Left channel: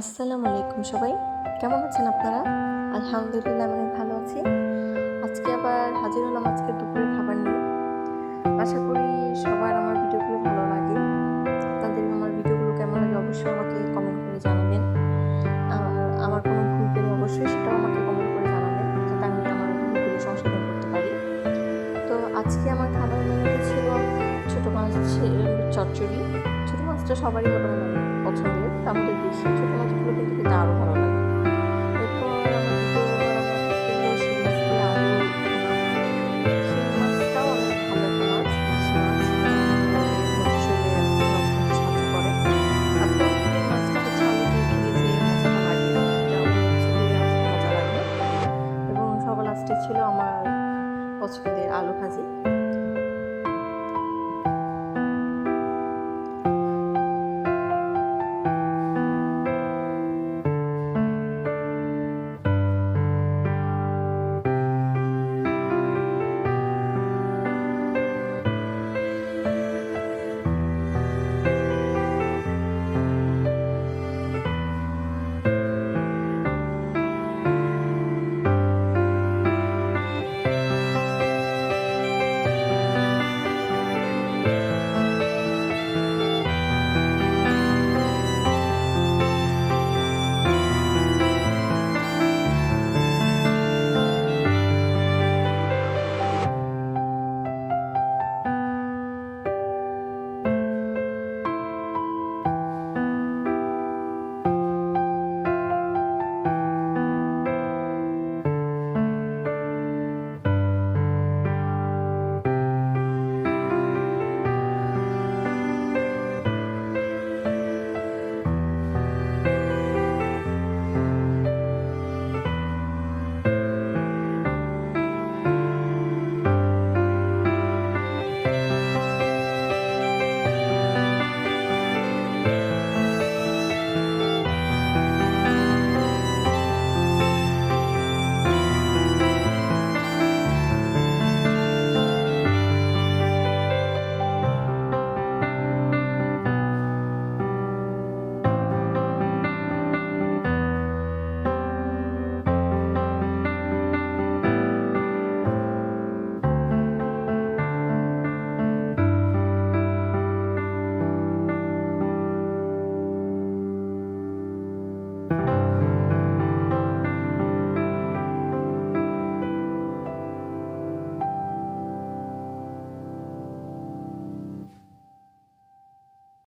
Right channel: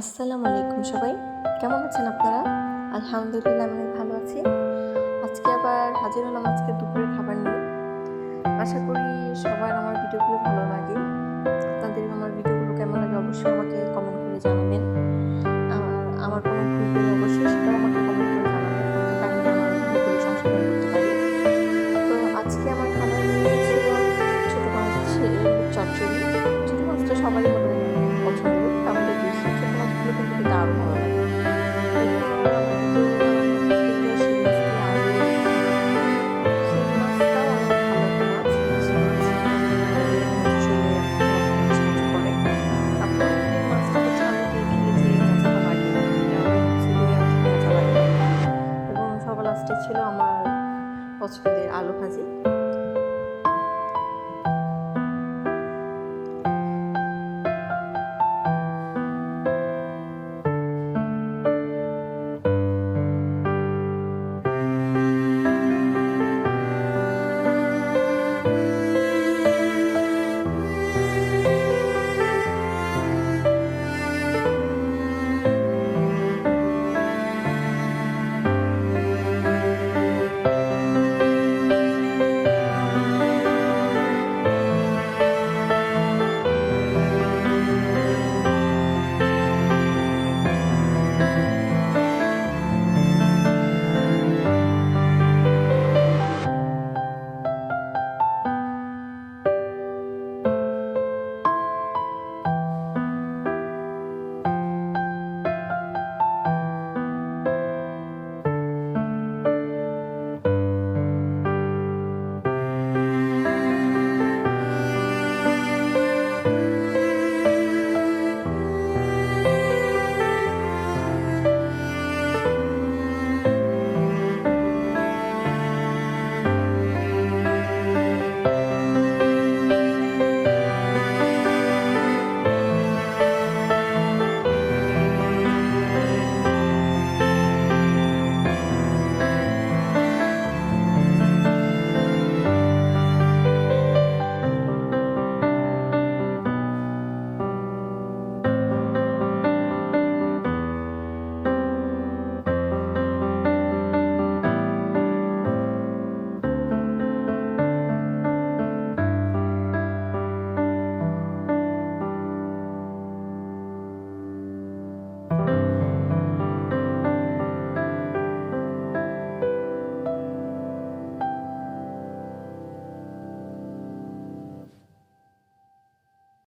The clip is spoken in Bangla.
আসসালামু আলাইকুম সবাই, কেমন আছেন আপনারা? আলহামদুলিল্লাহ আমি অনেক ভালো আছি। আজকে আবার হাজির হলাম আজকে দুপুরের খাবার নিয়ে। আশা করি সবার আমার ভিডিওগুলো ভালো লাগে। আপনাদের আমার ভিডিওগুলো কেমন লাগে অবশ্যই আমাকে কমেন্ট করে জানাবেন। আর আমার কোনো ভুল পেলে অবশ্যই সেটাও আমাকে কমেন্ট করে জানাবেন, যাতে আমি আমার ভুলগুলো সংশোধন করতে পারি। তো আজকে আমার খাবার মেনু ছিল ছোটো মাছের চচ্চড়ি। ছোটো মাছটা সবারই মোটামুটি পছন্দের, আমাদের দেশি ছোটো মাছগুলো কিন্তু খেতে আরও ভালো লাগে। এরপর আমার দ্বিতীয় ছিল শিং মাছ দিয়ে আলু ভুনা। শিং মাছটাও অনেক ভালো একটা মাছ, দেশি মাছ। হচ্ছে শরীরে রক্ত হতে সাহায্য করে। তারপর এই মাছটা হচ্ছে আলু দিয়ে খেলে যে মজাটা লাগে, সেটা হচ্ছে দিয়ে আসলে মজা লাগে না। এবং সবার লাস্টে ছিল আমার পছন্দের আলু ভাজি।